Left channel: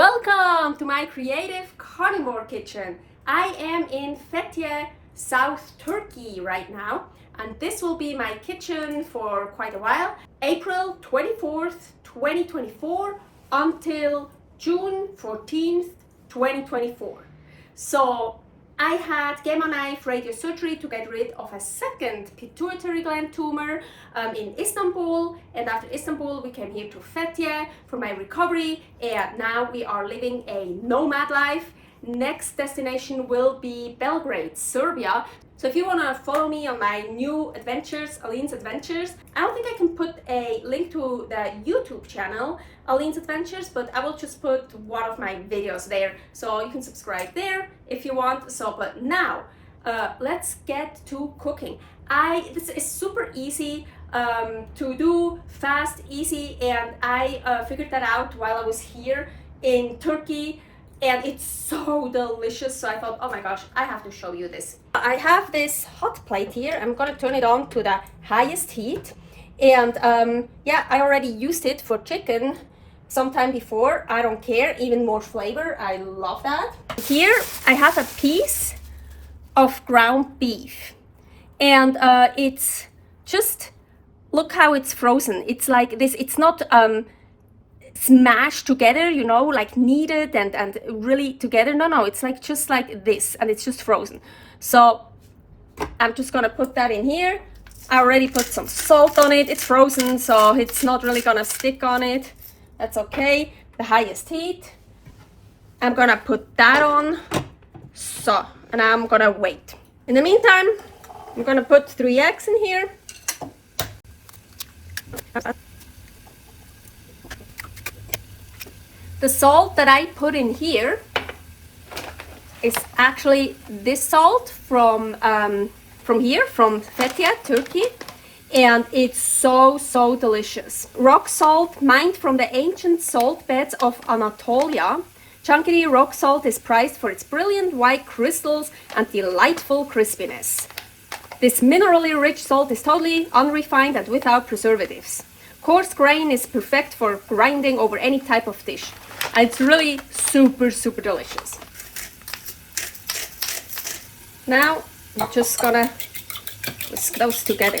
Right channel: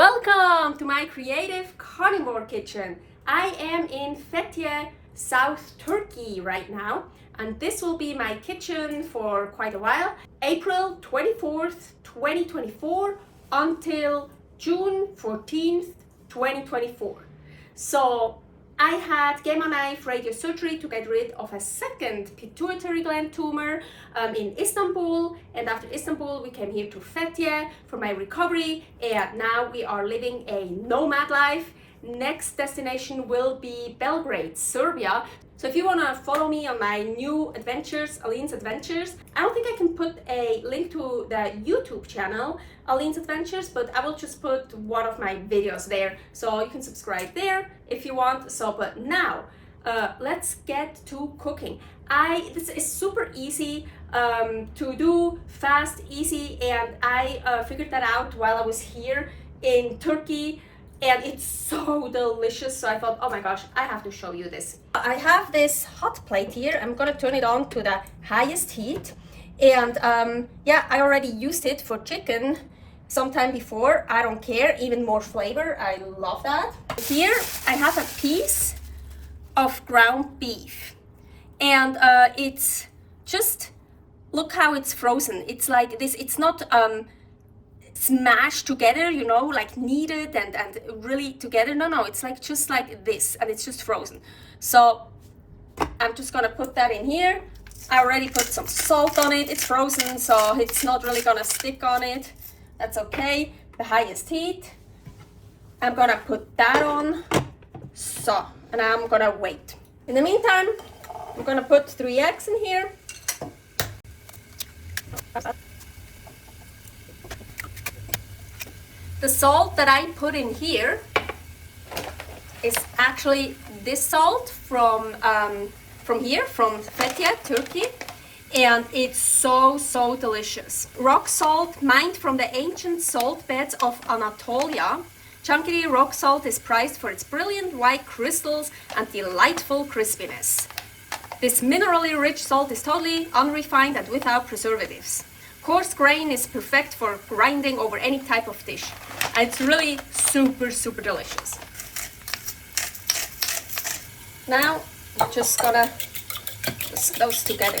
Welcome to my creative carnivore kitchen. I am in Fethiye, South Turkey right now, and this will be my kitchen for quite a while. April 24th, 2024 until June 14th, 2024. So I had gamma-knife radiosurgery to get rid of a second pituitary gland tumor in Istanbul, and after Istanbul we came here to Fethiye for my recovery, and now we are living a nomad life. Next destination will be Belgrade, Serbia. So if you want to follow me on my new adventures, Aline's Adventures, I don't think I can put a link to the YouTube channel, Aline's Adventures, but I will just put one of my videos there. So you can subscribe there if you want. So, but now, let's get to cooking. This is super easy to do, fast, easy, and I figured that out while I was here in Turkey. And it's so delicious, so I thought, oh my gosh, I have to show you this. I have this hot plate here. I'm gonna turn it on to the highest heat. And yeah, I already used it for chicken sometime before. I don't care, even more flavor. I love that. Here I have a piece of ground beef. And it's just, look how it's frozen. It's like this, it's not smashed together, you know, like kneaded and really together. No, it's like just like this, and it's just frozen. So I'm just gonna put that in here. I already put some salt on it. It's frozen, so it's not really gonna stick on it. That's okay. The highest heat. I'm gonna put that on. So, and I'm gonna wait. In the meantime, I'm gonna put 3 eggs in here. The salt that I put in here is actually this salt from here, from Fethiye, Turkey, and it's so delicious. Rock salt, mined from the ancient salt beds of Anatolia. Chunky rock salt is prized for its brilliant white crystals and delightful crispiness. This minerally rich salt is totally unrefined and without preservatives. Coarse grain is perfect for grinding over any type of dish. And it's really super delicious. Now I'm just gonna whisk those together.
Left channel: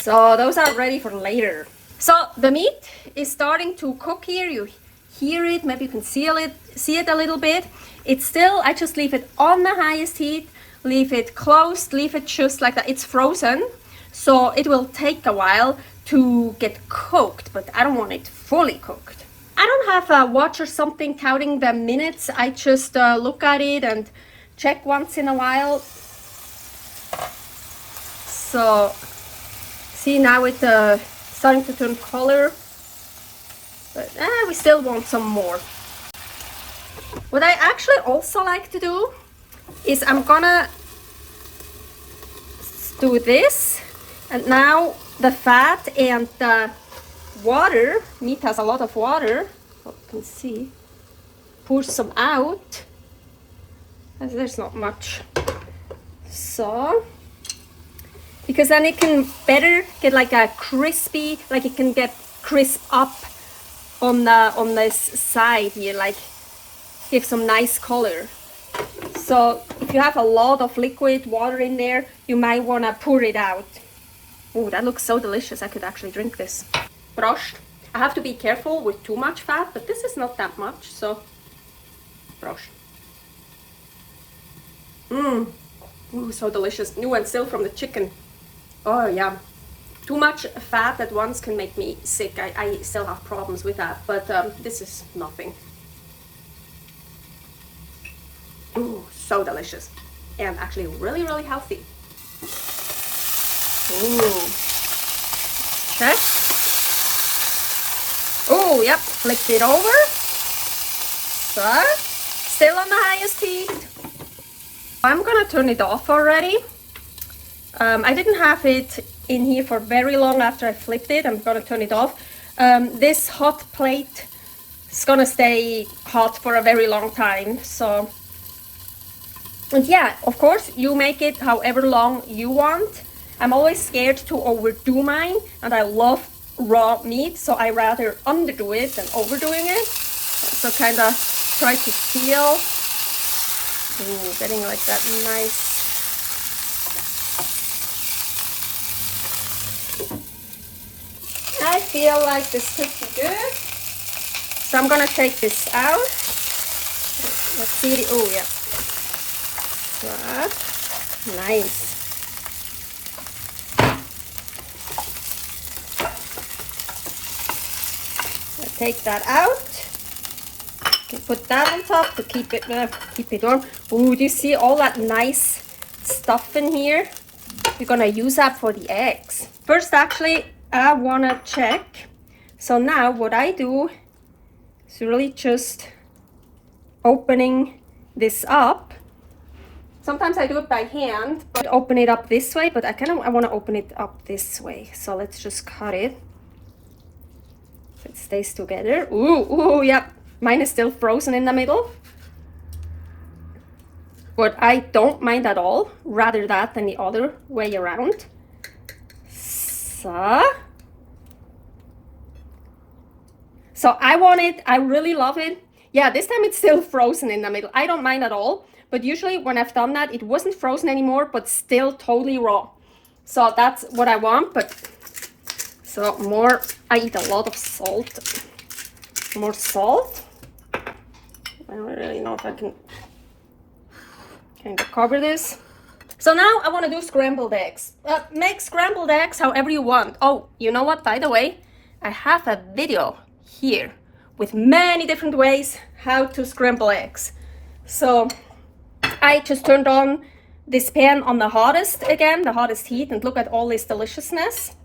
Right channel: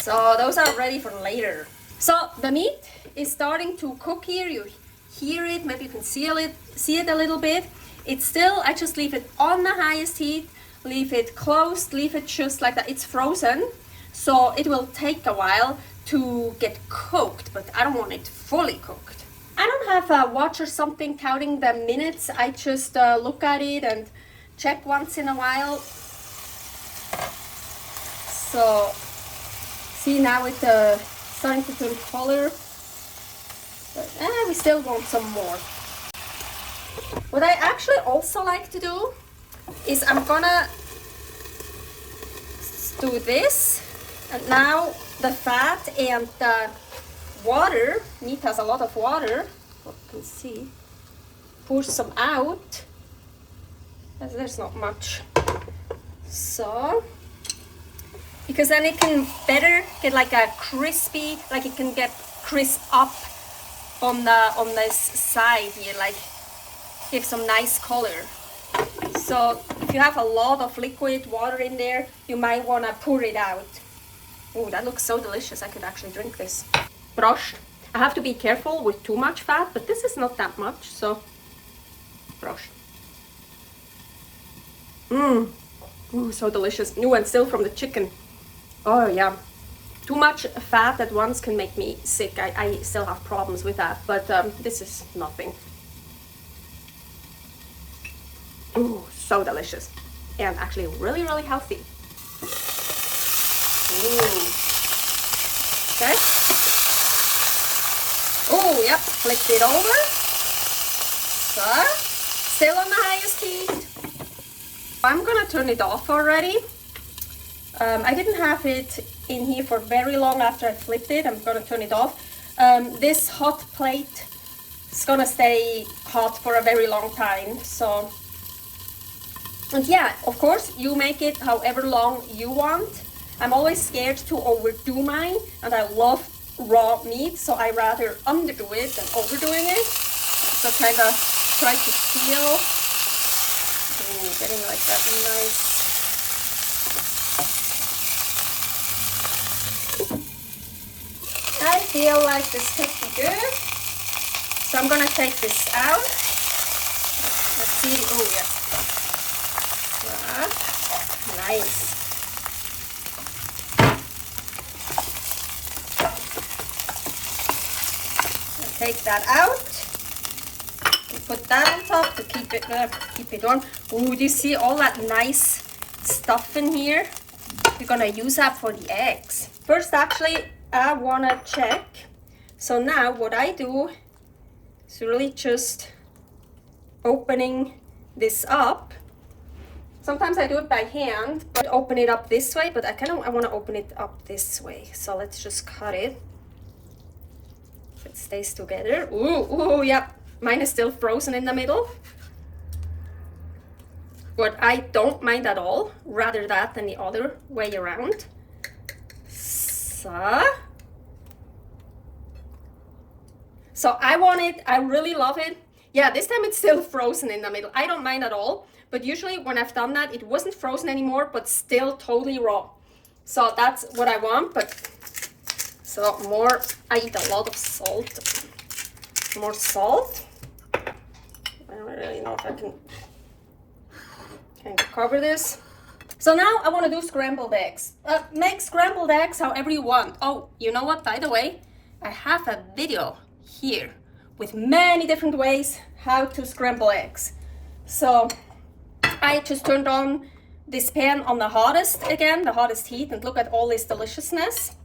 So those are ready for later. So the meat is starting to cook here. You hear it, maybe you can see it a little bit. It's still, I just leave it on the highest heat. Leave it closed, leave it just like that. It's frozen, so it will take a while to get cooked, but I don't want it fully cooked. I don't have a watch or something counting the minutes. I just look at it and check once in a while. So, see, now it's starting to turn color, but we still want some more. What I actually also like to do is I'm gonna do this, and now the fat and the water, meat has a lot of water, you can see, pour some out, and there's not much. So, because then it can better get like a crispy, like it can get crisp up on this side here, like give some nice color. So if you have a lot of liquid water in there, you might want to pour it out. Oh, that looks so delicious. I could actually drink this. Prost. I have to be careful with too much fat, but this is not that much, so prost. Ooh, so delicious. New and still from the chicken. Oh yeah. Too much fat at once can make me sick. I still have problems with that, but this is nothing. Ooh, so delicious. And actually really healthy. Ooh. Okay. Oh, yep, flipped it over. So, still on the highest heat. I'm gonna turn it off already. I didn't have it in here for very long after I flipped it. I'm gonna turn it off. This hot plate is gonna stay hot for a very long time, so. And yeah, of course, you make it however long you want. I'm always scared to overdo mine, and I love raw meat, so I rather underdo it than overdoing it. So kind of try to feel. Ooh, getting like that nice. I feel like this could be good. So I'm gonna take this out. Let's see. Oh yeah. Nice. Take that out. Put that on top to keep it warm. Ooh, do you see all that nice stuff in here? We're gonna use that for the eggs. First, actually, I wanna check. So now what I do is really just opening this up. Sometimes I do it by hand, but open it up this way, but I wanna open it up this way. So let's just cut it. It stays together. Ooh, yeah. Mine is still frozen in the middle. But I don't mind at all. Rather that than the other way around. So I want it. I really love it. Yeah, this time it's still frozen in the middle. I don't mind at all. But usually when I've done that, it wasn't frozen anymore, but still totally raw. So that's what I want. But so more, I eat a lot of salt. More salt. I don't really know if I can kind of cover this. So now I want to do scrambled eggs. Make scrambled eggs however you want. Oh, you know what? By the way, I have a video here with many different ways how to scramble eggs. So I just turned on this pan on the hottest again, the hottest heat, and look at all this deliciousness.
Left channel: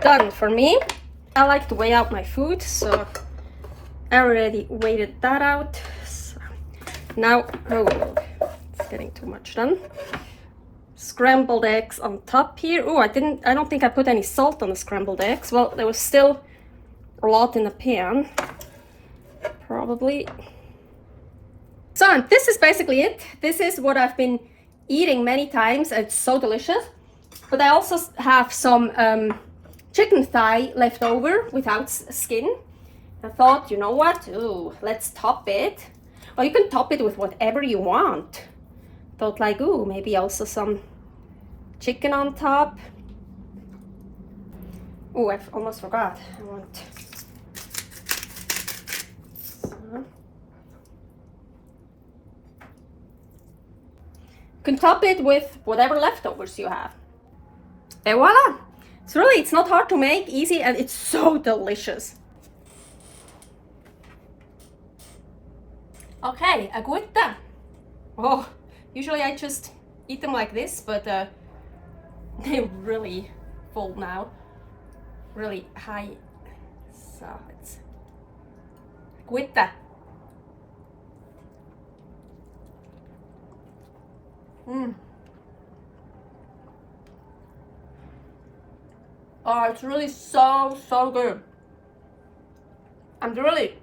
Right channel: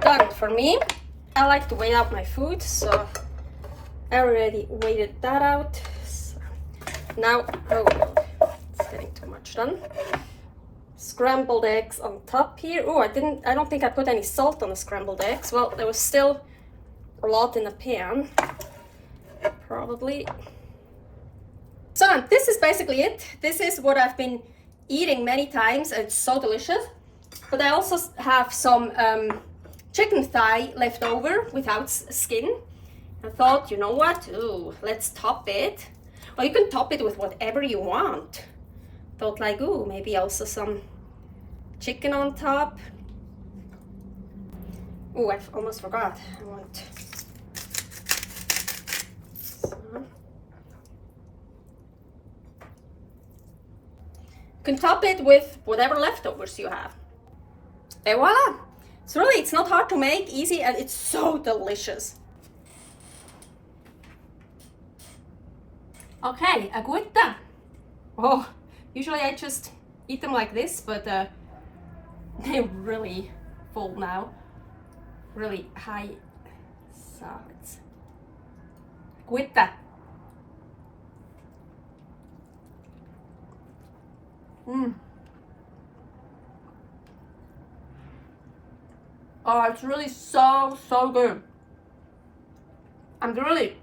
Done for me. I like to weigh out my food, so I already weighed that out. So now, oh, it's getting too much done. Scrambled eggs on top here. Oh, I don't think I put any salt on the scrambled eggs. Well, there was still a lot in the pan, probably. So, and this is basically it. This is what I've been eating many times, and it's so delicious. But I also have some chicken thigh left over without skin. I thought, you know what? Ooh, let's top it. Or you can top it with whatever you want. Thought like, ooh, maybe also some chicken on top. Ooh, I almost forgot. I want. So. You can top it with whatever leftovers you have. And voila! So really, it's not hard to make, easy, and it's so delicious. Okay, agüita. Oh, usually I just eat them like this, but they're really full now. Really high. So it's agüita. Oh, it's really so good. And really,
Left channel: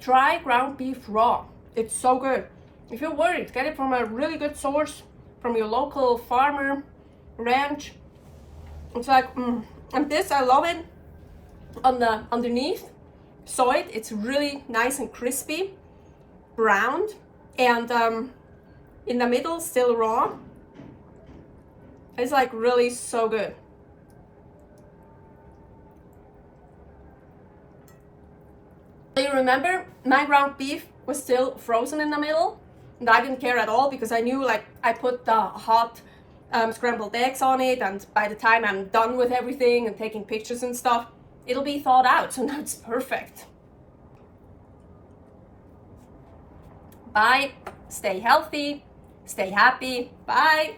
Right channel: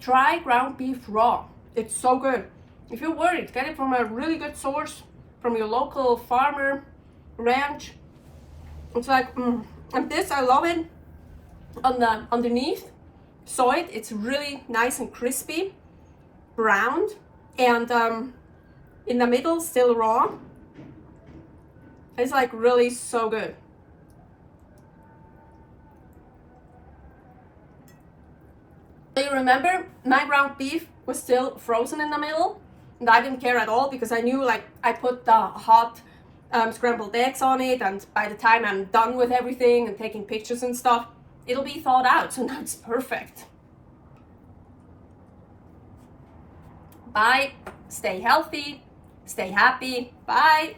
try ground beef raw. It's so good. If you're worried, get it from a really good source, from your local farmer, ranch. It's like, and this, I love it. On the underneath, soy, it's really nice and crispy, browned, and in the middle, still raw. It's like really so good. You remember, my ground beef was still frozen in the middle, and I didn't care at all because I knew, like, I put the hot scrambled eggs on it, and by the time I'm done with everything and taking pictures and stuff, it'll be thawed out, so now it's perfect. Bye. Stay healthy. Stay happy. Bye.